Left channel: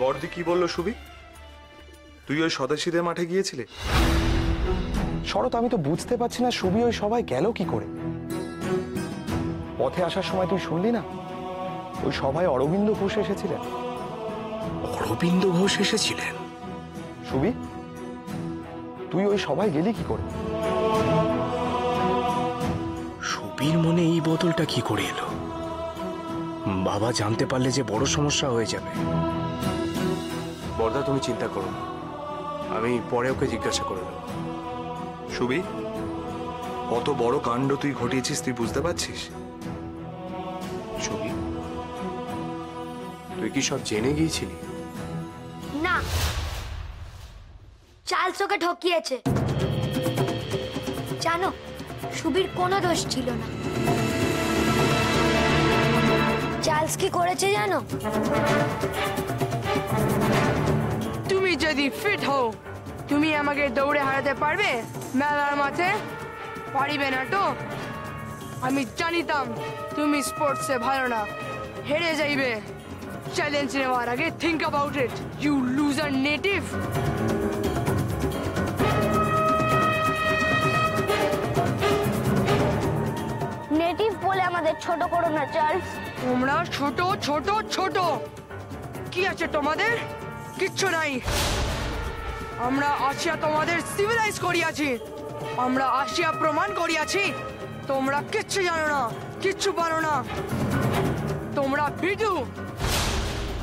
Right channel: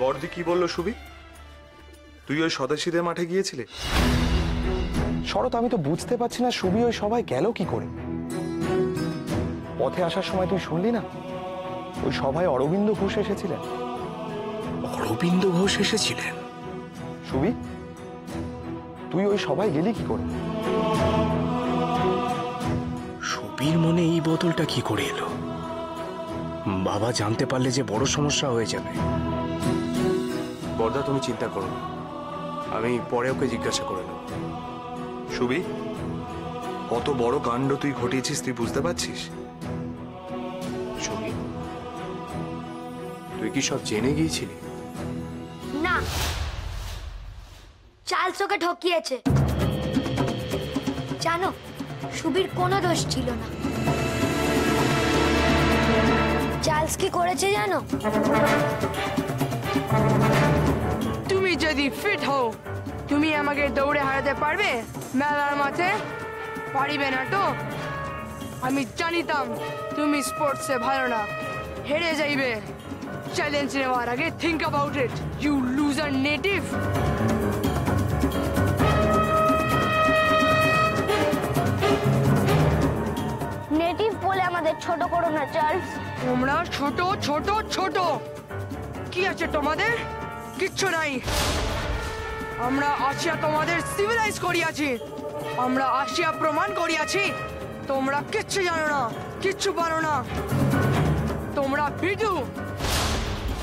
বড়দি কি বললো সুবি? তুই ওই স্বদেশীদের মাঠে গিয়েছিলি? শরৎ, আমি তো বুঝতে পারছি না সুবি ওই সবাই গেল কি করে। পথে আসার সময় তুই শুনলি না ওই সভায় অরবিন্দ ঘোষ এসেছিলেন? অরবিন্দ ঘোষ এসেছিলেন? সুবি, তুই ওই সভায় গেলি কি করে? সুবীর মনে এই বদলটা কি করে এলো? বাবা জানতে পারলে যে বড় সমস্যা হয়ে যাবে। বর্দা, তুমি চিন্তা করো না, আমি পরে ওকে জিজ্ঞাসা করে নেব। সুবি, কত বড় কাণ্ড তুই ঘটিয়েছিস তুই বুঝতে পারছিস? সুবি, তুই কি সব জেনে গিয়েছিলি? না, চার্লস ওকে ঠকিয়েছে। জানো, সুবীর কোনো দোষ ছিল না। চার্লস কি করেছে জানো? তুমি যদি ফিট হও, তুমি আমাকে দৌড়ে হারাতে পারবে মেলার মাঠে? পারিবে না তো? আমি জানিতাম তুমি স্পোর্টসে ভালো না, হেরে যাইবে। চ্যালেঞ্জ নেওয়ার আগে think about it, you loser native. Native বলে আমাদের ছোট করো না চার্লস। তোমরা ছোট ছোট ছোট, কি আছে তোমাদের? কিচ্ছু নাই। আমরা আসিয়া তোমাদের সিভিলাইজ করিয়াছি, আমরা আসিয়া প্রমাণ করিয়াছি তোমরা কিচ্ছু জানো না, কিচ্ছু পারো না। তোমরা ভিডু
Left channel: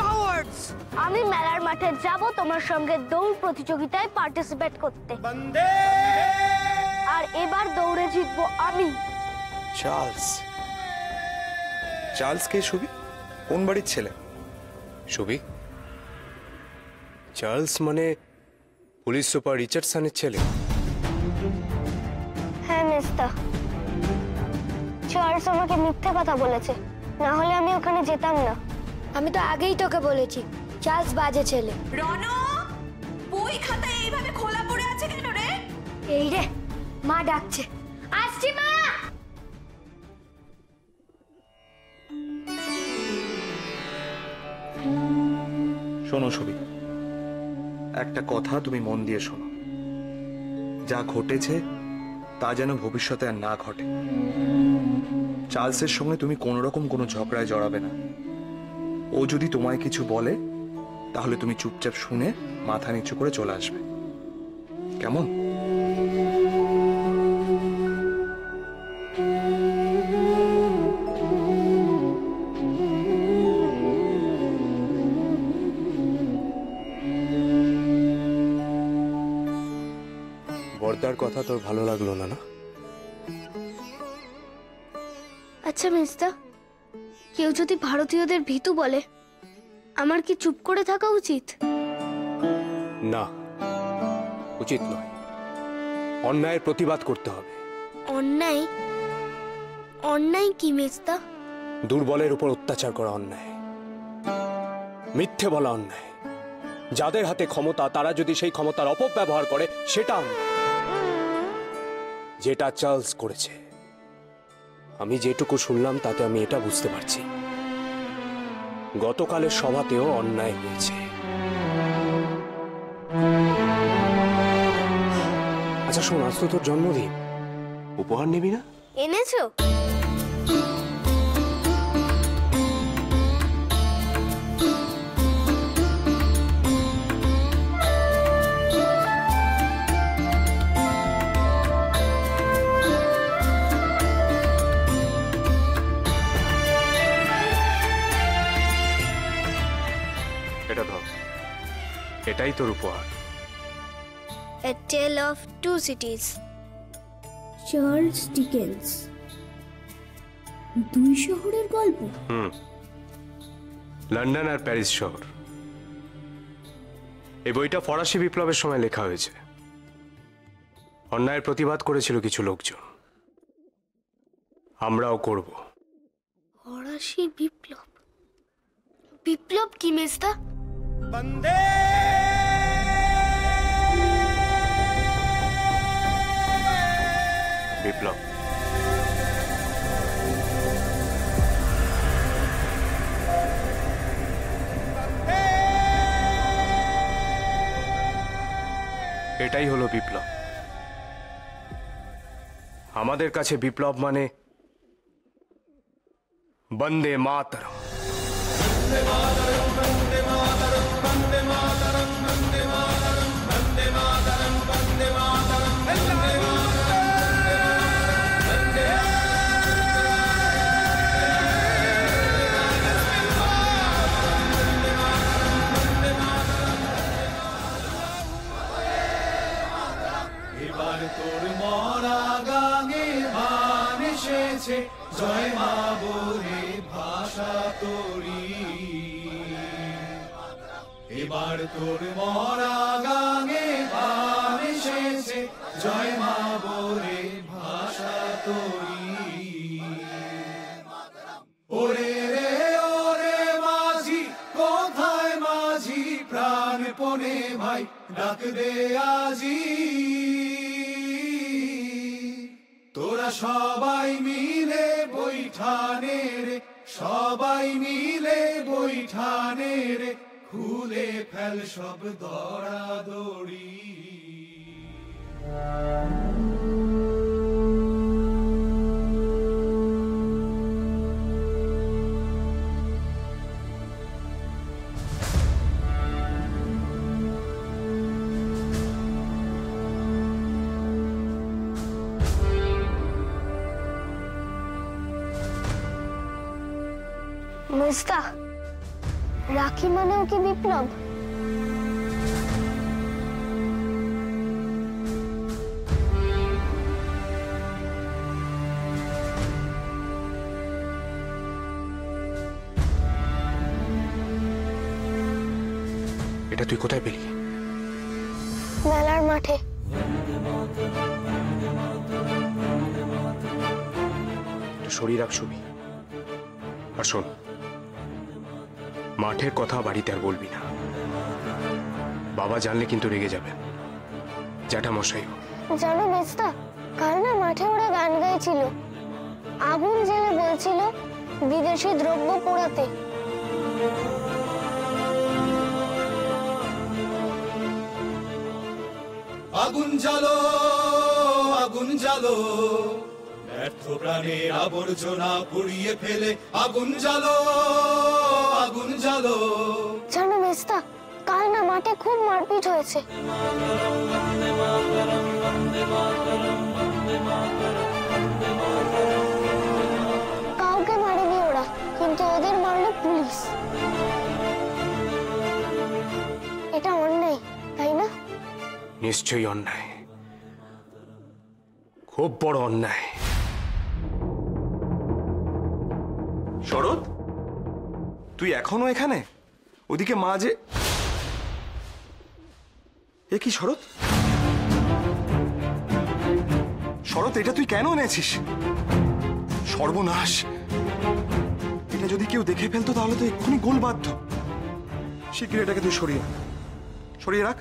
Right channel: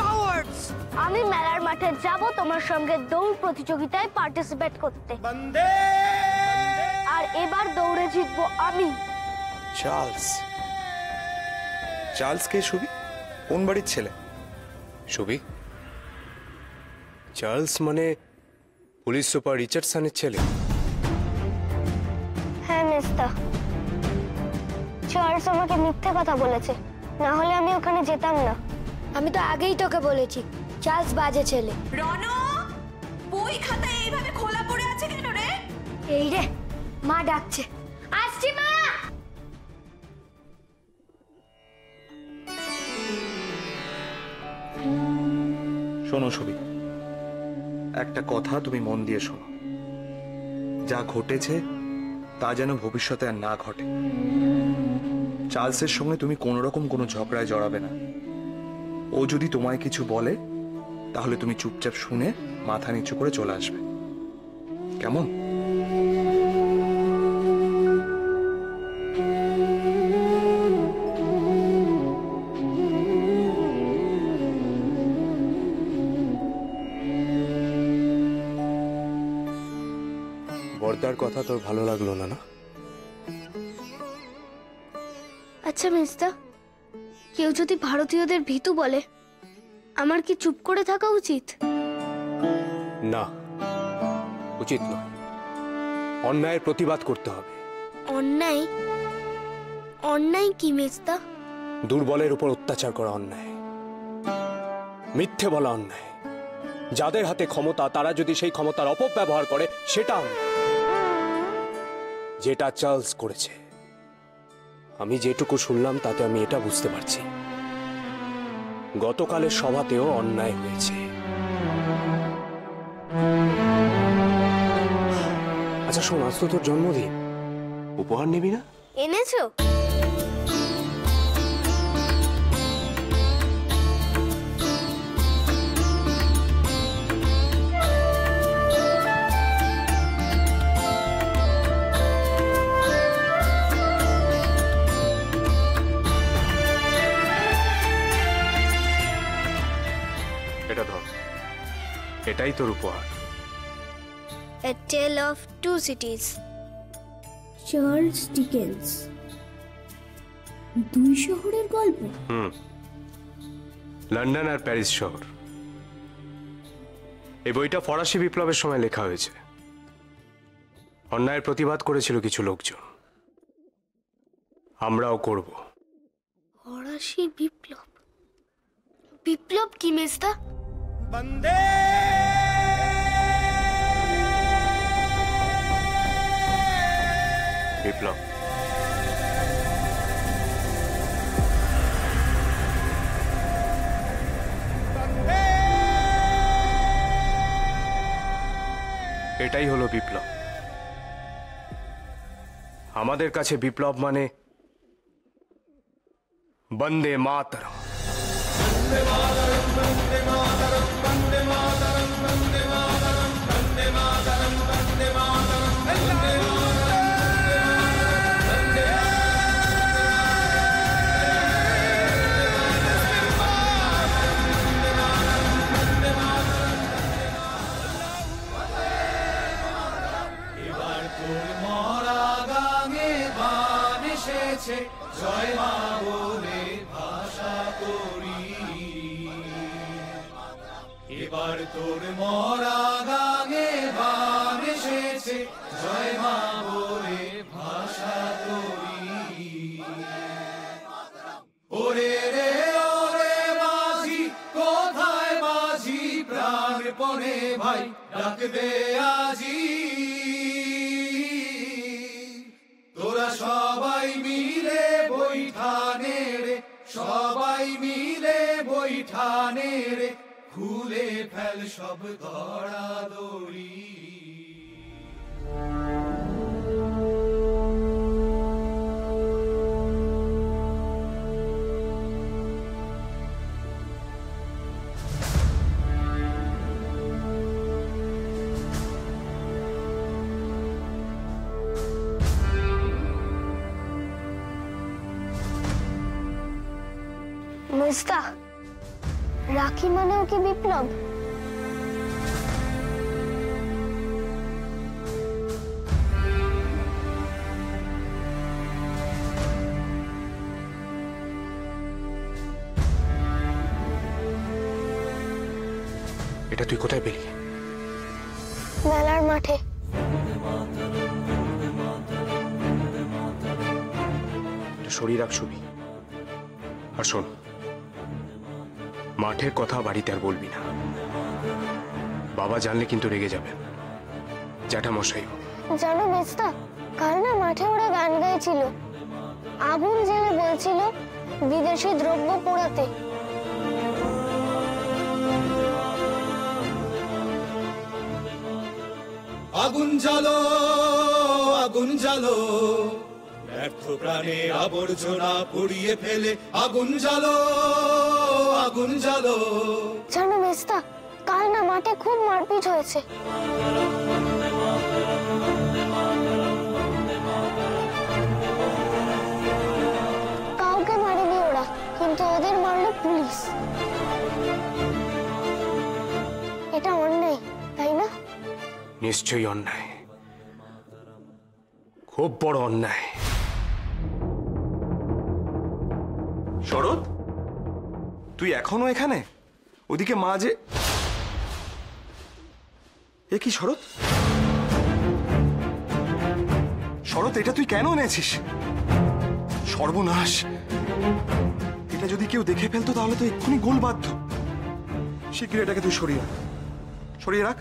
কাওয়ার্ডস। আমি মেলার মাঠে যাব তোমার সঙ্গে দৌড় প্রতিযোগিতায় পার্টিসিপেট করতে, আর এবার দৌড়ে জিতবো আমি। চার্লস? চার্লস কে সুবি? কোন বাড়ির ছেলে? সুবি, চার্লস মানে পুলিশ সুপার রিচার্ডসনের ছেলে। হ্যাঁ মেস্তা, চার্লস আমাকে মিথ্যে কথা বলেছে, না হলে আমি ওখানে যেতাম না। আমি তো আগেই তোকে বলেছি চার্লস বাজে ছেলে। রনো, বই খাতা এইভাবে খোলা পড়ে আছে কেন রে? এই রে, মা ডাকছে, আসছি মা। শোনো সুবি, একটা কথা তুমি মন দিয়ে শোনো। যা ঘটেছে তা যেন ভবিষ্যতে আর না ঘটে। চার্লসের সঙ্গে তুমি কোন রকম কোনো ঝগড়ায় জড়াবে না। ও যদি তোমায় কিছু বলে তাহলে তুমি চুপচাপ শুনে মাথা নিচু করে চলে আসবে, কেমন? বর্দার কথা তোর ভালো লাগলো না? না, আচ্ছা মেস্তা, কেউ যদি ভারতীয়দের ভীতু বলে আমার কি চুপ করে থাকা উচিত? না, উচিত নয়। অন্যায়ের প্রতিবাদ করতে হবে। অন্যায়? অন্যায় কি মেস্তা? দুর্বলের উপর অত্যাচার করা অন্যায়, মিথ্যে বলা অন্যায়। যাদের হাতে ক্ষমতা তারা যদি সেই ক্ষমতার অপব্যবহার করে সেটা অন্যায়। যেটা চার্লস করেছে, আমি যেটুকু শুনলাম তাতে আমি এটা বুঝতে পারছি, গতকালের সভাতেও অন্যায় হয়েছে। আচ্ছা শোন, আজ তো তোর জন্মদিন, উপহার নিবি না? এনেছো? এটা ধর, এটাই তোর উপহার। A Tale of Two Cities, Charles Dickens. দুই শহরের গল্প। লন্ডন আর প্যারিস শহর। এই বইটা ফরাসি বিপ্লবের সময় লেখা হয়েছে। অন্যায়ের প্রতিবাদ করেছিল কিছু লোকজন, আমরাও করব। ফরাসি বিপ্লব? বিপ্লব কি মেস্তা? বিপ্লব এটাই হলো বিপ্লব। আমাদের কাছে বিপ্লব মানে বন্দে মাতরম। জয় মা বলে ভাষা করি, এবার তোর মরা গানে ভাব এসেছে, জয় মা বলে ভাষা করি। ওরে রে ওরে মাঝি, কোথায় মাঝি প্রাণ পড়ে ভাই, ডাক দে আজি। তোরা সবাই মিলে বৈঠানে রে, সবাই মিলে বৈঠানে রে, খুলে ফেল সব দড়াদড়ি। মেজদা, রাখি মানেও কি বিপ্লব? এটা তুই কোথায় পেলি? মেলার মাঠে। শরীর রাখ ছবি। আর শোন, মাঠের কথা বাড়িতে আর বলবি না, বাবা জানলে কিন্তু রেগে যাবেন, জ্যাঠামশাইও। জানো মেজদা, কাল না মাঠে ওরা গান গাইছিল, আগুন জেলে বলছিল বিদেশি দ্রব্য পোড়াতে। আগুন জ্বালো, আগুন জ্বালো, ব্যর্থ প্রাণে আবর্জনা পুড়িয়ে ফেলে, আগুন জ্বালো, আগুন জ্বালো। জানো মেজদা, কাল না মাঠে খুব মারপিট হয়েছে। কাউকে মারেনি ওরা, কিন্তু ওদের মারলো পুলিশ। এটা অন্যায়, তাই না? নিশ্চয়ই অন্যায়, খুব বড় অন্যায়। শরৎ, তুই এখনো এখানে? ওদিকে মা যে। এ কি শরৎ? শরৎ, এটা তুই কেন এনেছিস? সর্বনাশ! এটা যদি কেউ দেখে ফেলতো তাহলে তো এক্ষুনি গোল বাধ্য। শিগগির এটাকে তুই সরিয়ে রাখ, সরিয়ে রাখ।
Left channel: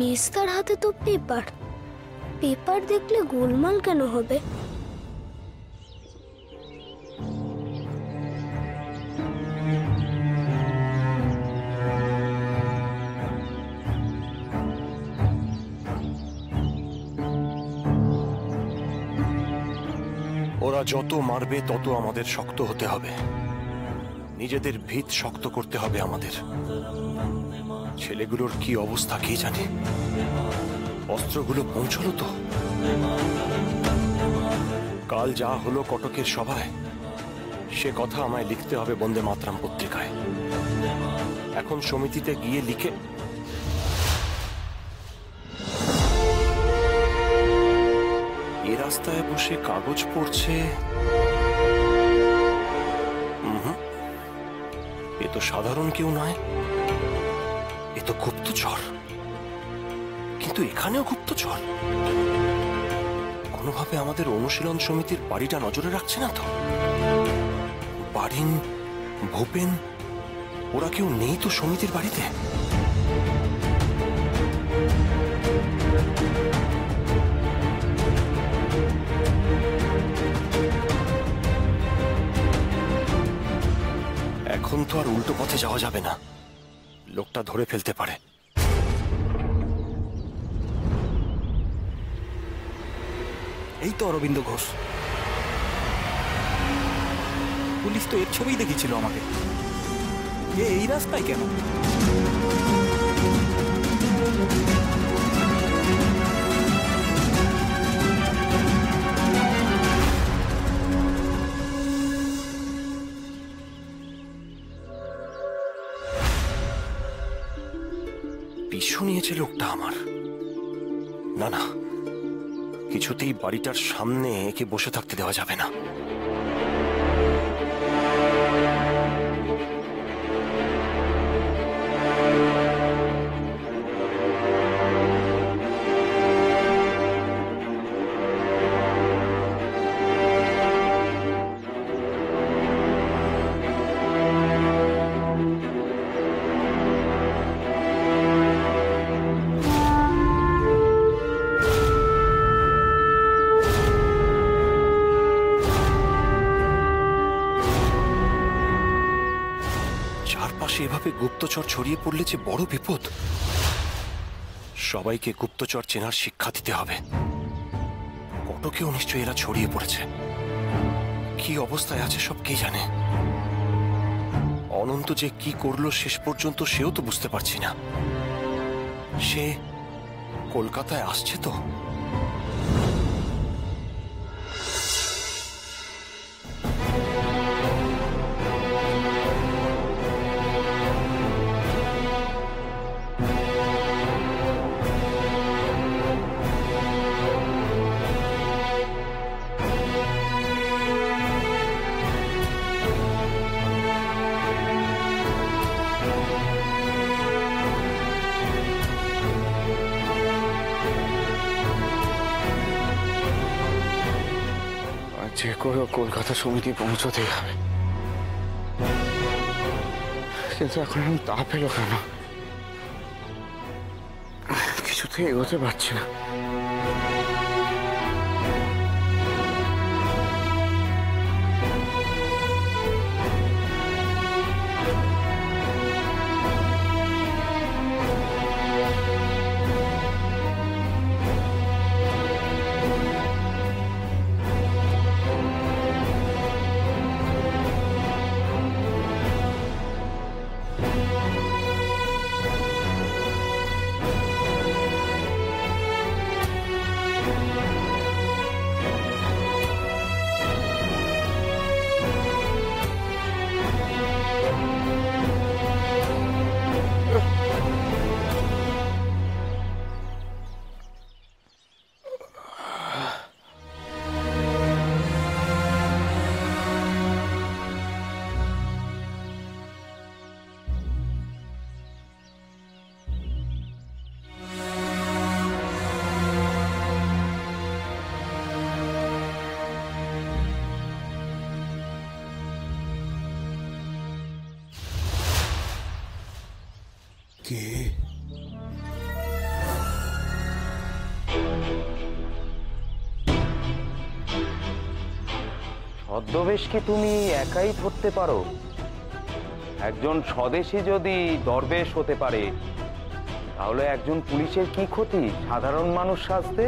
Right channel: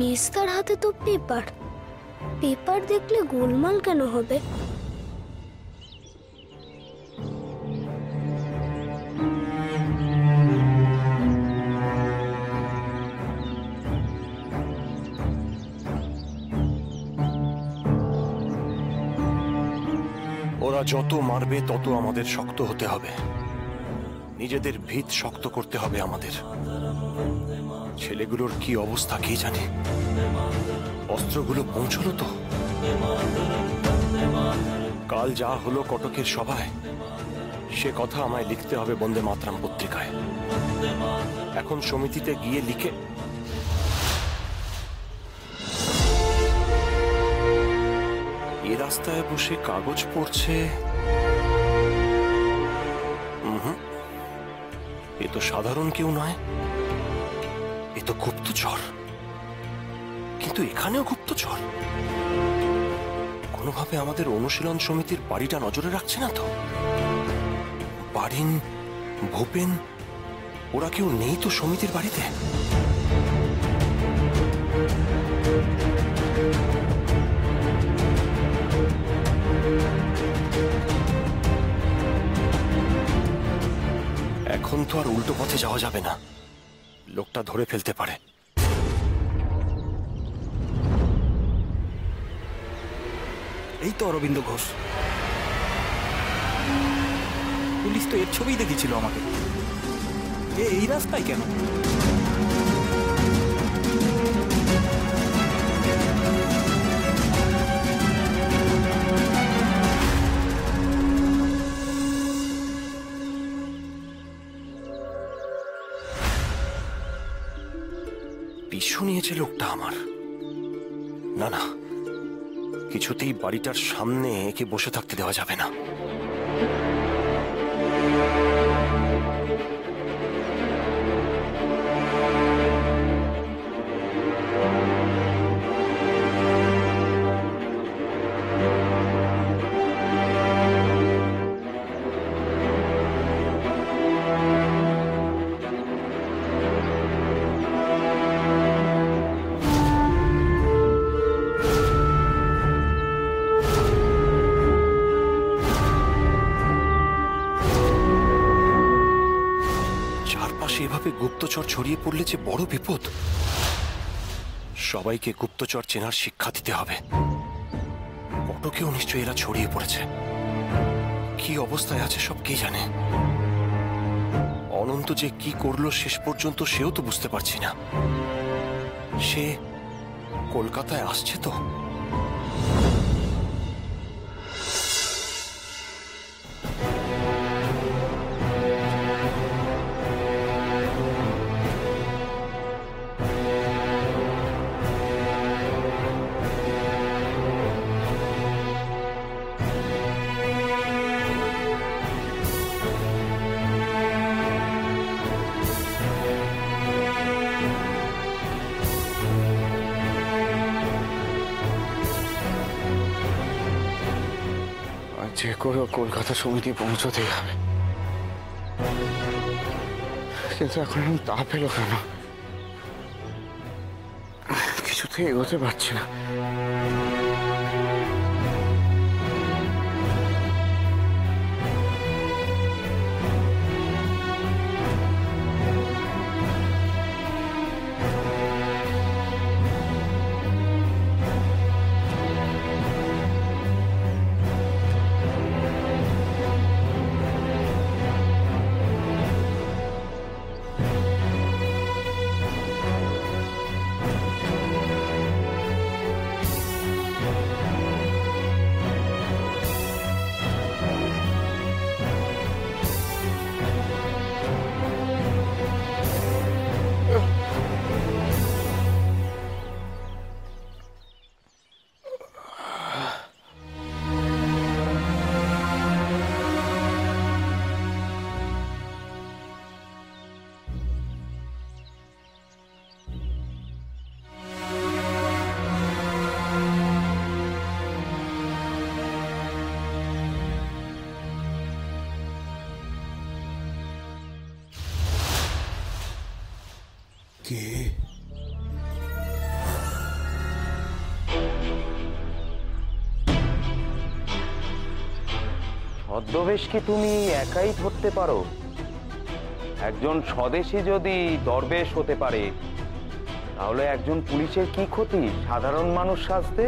মেজদার হাতে তো পেপার, পেপার দেখলে গোলমাল কেন হবে? ওরা যত মারবে তত আমাদের শক্ত হতে হবে, নিজেদের ভিত শক্ত করতে হবে আমাদের। ছেলেগুলোর কি অবস্থা কে জানে? অস্ত্রগুলো পৌঁছলো তো? কাল যা হলো কটকের সভায়, সে কথা আমায় লিখতে হবে বন্দে মাতরম পত্রিকায়। এখন সমিতিতে গিয়ে লিখে এ রাস্তায় বসে কাগজ পড়ছে, এ তো সাধারণ কেউ নয়, এ তো গুপ্তচর। কিন্তু এখানেও গুপ্তচর। কোনোভাবে আমাদের অনুশীলন সমিতির বাড়িটা নজরে রাখছে না তো? বারিন, ভূপেন, ওরা কেউ নেই তো সমিতির বাড়িতে? তো আর উল্টো পথে যাওয়া যাবে না, লোকটা ধরে ফেলতে পারে। এই তো অরবিন্দ ঘোষ, পুলিশ তো এর ছবিই দেখিয়েছিল আমাকে। এই রাস্তায় কেন? পিছু নিয়েছে লোকটা আমার। না না, কিছুতেই বাড়িটার সামনে একে বসে থাকতে দেওয়া যাবে না। চারপাশে এভাবে গুপ্তচর ছড়িয়ে পড়লে যে বড় বিপদ। সবাইকে গুপ্তচর চেনার শিক্ষা দিতে হবে। কটকেও নিশ্চয়ই এরা ছড়িয়ে পড়েছে। কি অবস্থায় আছে সব কে জানে। অনন্ত যে কি করলো শেষ পর্যন্ত সেও তো বুঝতে পারছি না। সে কলকাতায় আসছে তো? যে করে কলকাতা সমিতি পৌঁছতেই হবে, কিন্তু এখন আমি তা পেল কেন? কিছুতেই এগোতে পারছি না। কে? ছদ্মবেশ কি তুমি একাই ধরতে পারো? একজন স্বদেশী যদি দরবেশ হতে পারে, তাহলে একজন পুলিশের কি ক্ষতি সাধারণ মানুষ সাজতে?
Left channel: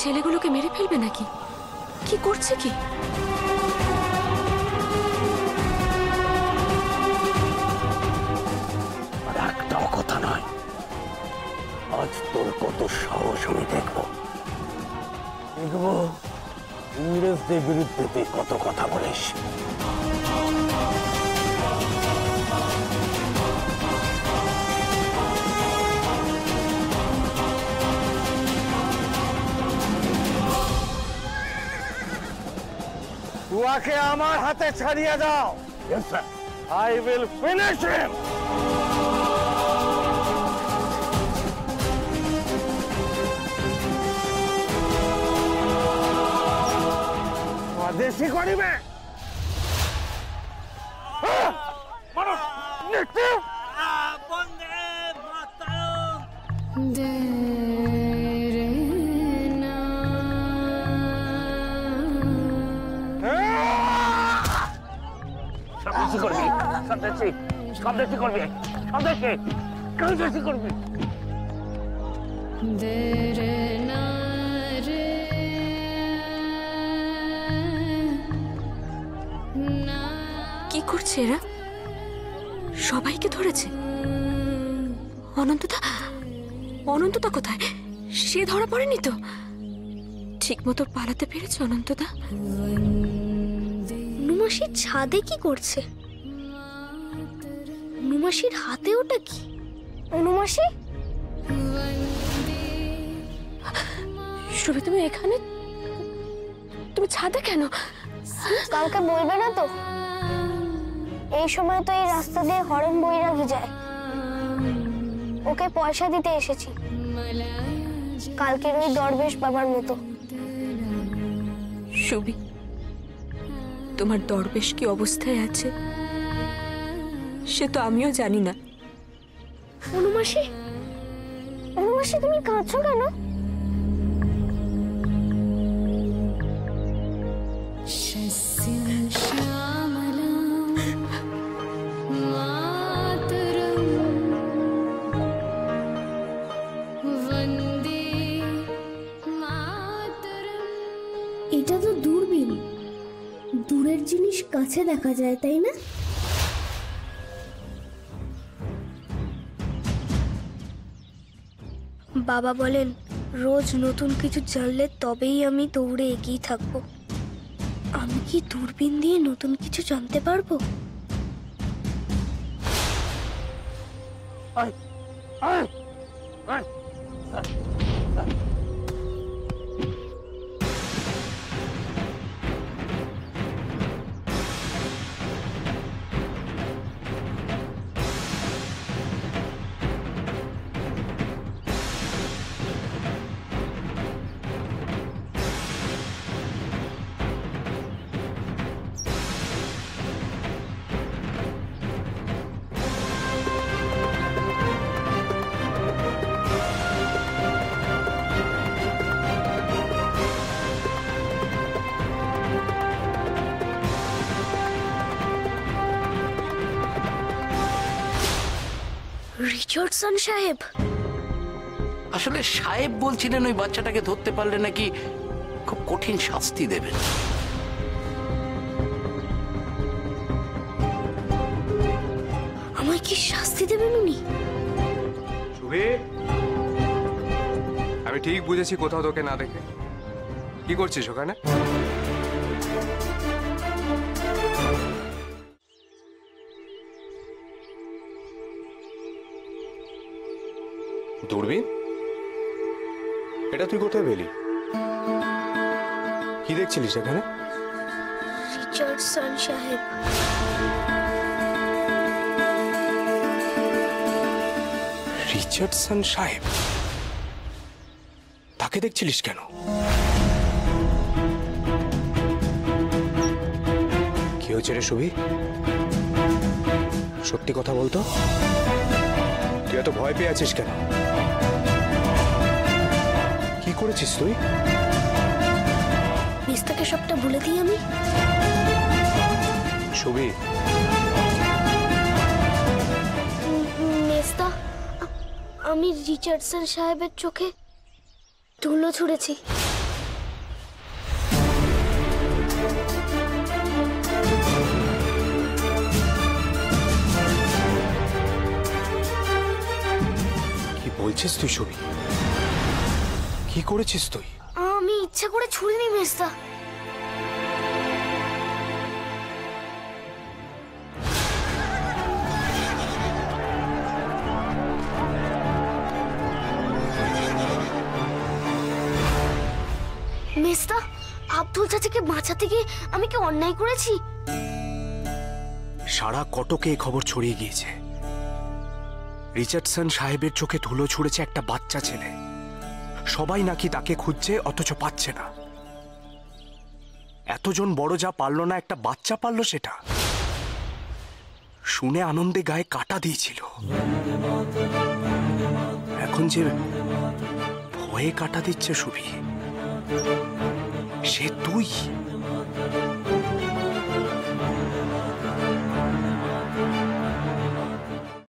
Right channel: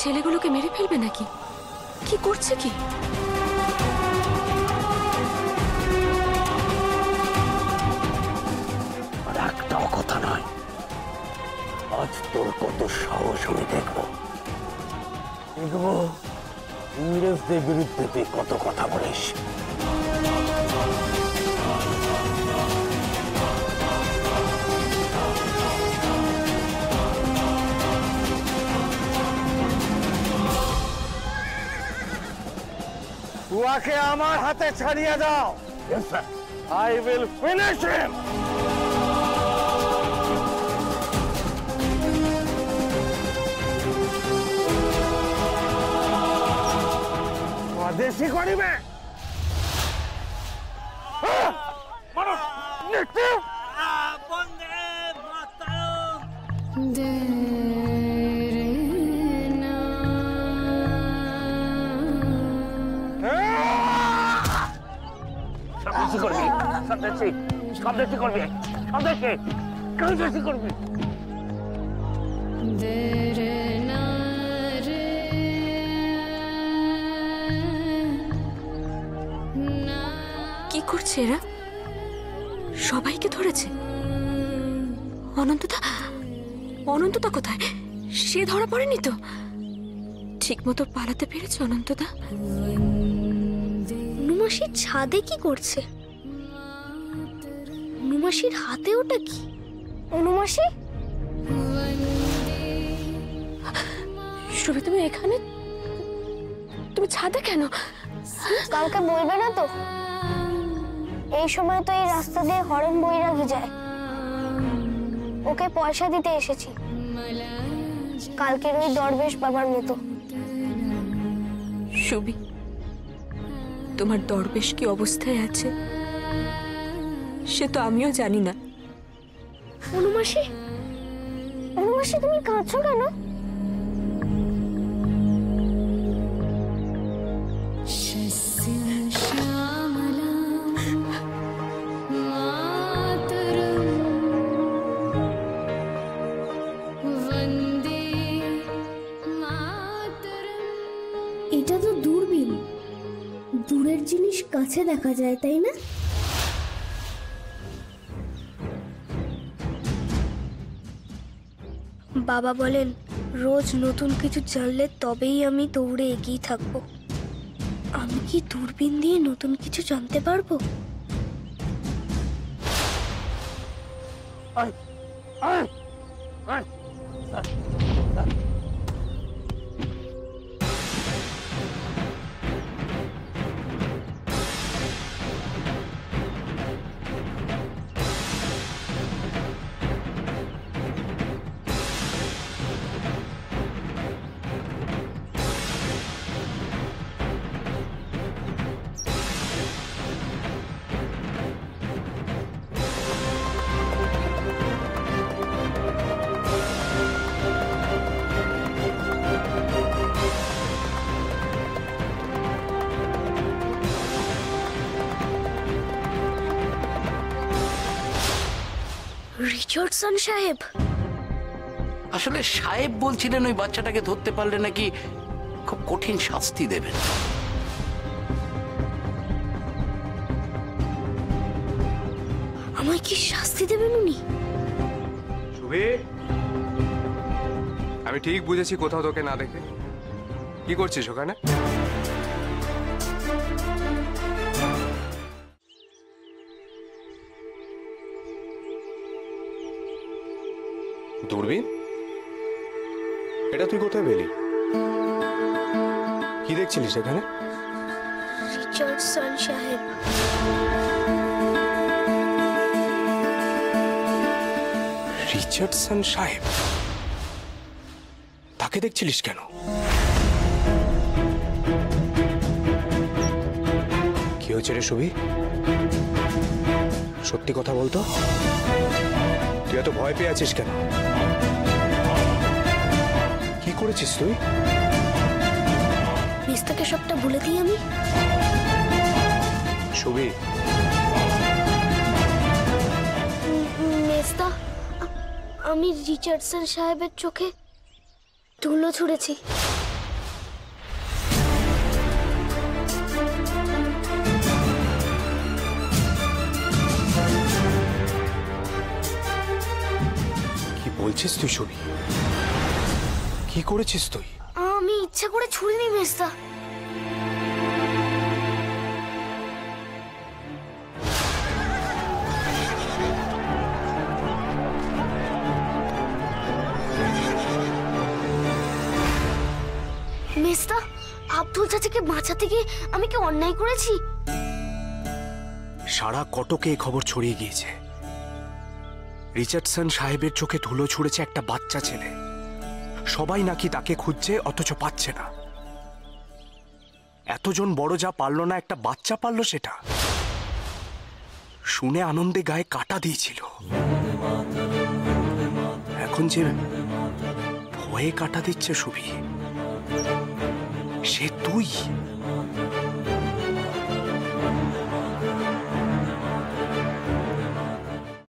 ছেলেগুলোকে মেরে ফেলবে নাকি? কি করছে কি? আর একটাও কথা নয়। আজ তোর কত সাহস আমি দেখবো। দেখবো ইংরেজদের বিরুদ্ধে তুই কত কথা বলিস। উহাকে আমার হাতে ছাড়িয়ে দাও। I will finish him. স্বদেশী করিবে স্বদেশী করবি, স্বদেশী স্বদেশী করবি, স্বদেশী স্বদেশী করবি। কি করছে এরা? সবাইকে ধরেছে। অনন্তদা, অনন্তদা কোথায়? সে ধরা পড়েনি তো? ঠিক মতো পালাতে পেরেছে অনন্তদা? নুমাসির ছাদে কি করছে? নুমাসির হাতে ওটা কি? নুমাসি, শুভি তুমি এখানে? তুমি ছাদে কেন? কালকে বলবে না তো? এই সময় তো এই রাস্তা দিয়ে হরেন বৈরাগী যায়। ওকে পয়সা দিতে এসেছি, কালকের ওই দরবেশ বাবার মতো। শুভি, তোমার দরবেশ কি অবস্থায় আছে সে তো আমিও জানি না। অনুমাসি, অনুমাসি তুমি কাঁদছো কেন? এটা তো দূরবীন, দূরের জিনিস কাছে দেখা যায়, তাই না? বাবা বলেন রোজ নতুন কিছু জানলে তবেই আমি দৌড়ে এগিয়ে থাকবো। আমি কি দূরবীন দিয়ে নতুন কিছু জানতে পারবো? রিচার্ডসন সাহেব? আসলে সাহেব বলছিলেন ওই বাচ্চাটাকে ধরতে পারলে নাকি খুব কঠিন শাস্তি দেবেন। আমায় কি শাস্তি দেবেন উনি? শুভি, আমি ঠিক বুঝেছি কোথাও তোকে না দেখে। কি করছিস ওখানে? দূরবীন? এটা তুই কোথায় পেলি? কি দেখছিলিস এখানে? রিচার্ডসন সাহেব। রিচার্ডসন সাহেব? তাকে দেখছিলিস কেন? কি হয়েছে রে শুভি? সত্যি কথা বলতো, তুই এত ভয় পেয়ে আছিস কেন? কি করেছিস তুই? মেস্তাকে সবটা বলে দিই আমি। শুভি, মেস্তা, আমি রিচার্ডসন সাহেবের চোখে ধুলো ছুঁড়েছি। কি বলছিস তুই শুভি? কি করেছিস তুই? আমি ইচ্ছা করে ছুড়িনি মেজদা। মেজদা, আব্দুল চাচাকে বাঁচাতে গিয়ে আমি কি অন্যায় করেছি? সারা কটকে এই খবর ছড়িয়ে গিয়েছে। রিচার্ডসন সাহেবের চোখে ধুলো ছুঁড়েছে একটা বাচ্চা ছেলে। সবাই নাকি তাকে খুঁজছে, অথচ পাচ্ছে না। এতজন বড় যা পারলো না, একটা বাচ্চা পারলো সেটা। শুনে আনন্দে গায়ে কাটা দিয়েছিল। এখন যে ভয়ে কাটা দিচ্ছে সুবি, সে তুই।